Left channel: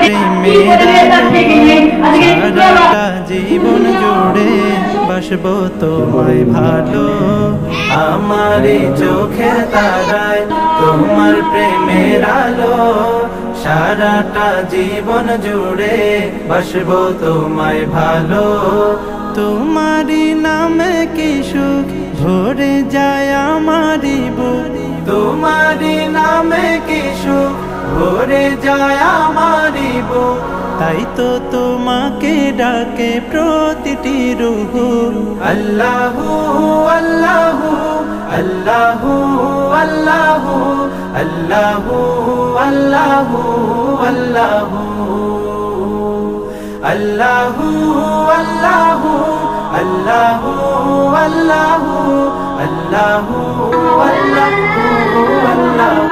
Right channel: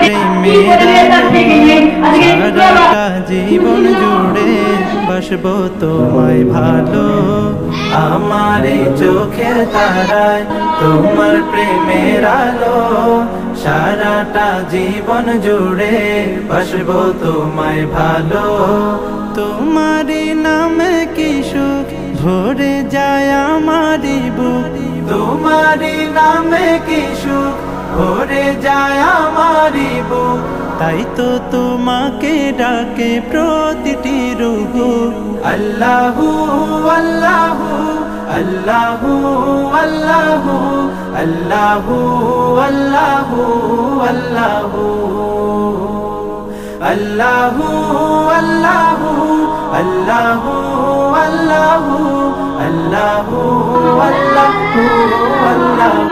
প্রেমের আলো সারাটা জীবন জুড়ে বাসবো তোমায় ভালো। আমার এই চোখের তারায় তোমার প্রেমের আলো সারাটা জীবন জুড়ে বাসবো তোমায় ভালো। তোমারি নামে কি সুখ ভরে যায় আমারি বুক, তোমারি নামে কি সুখ ভরে যায় আমারি বুক। তাই তো তোমাকে ডাকে প্রতিটি রূহ। আল্লাহু আল্লাহু আল্লাহু আল্লাহু আল্লাহু আল্লাহু আল্লাহু আল্লাহু আল্লাহু আল্লাহু আল্লাহু আল্লাহু আল্লাহু আল্লাহু।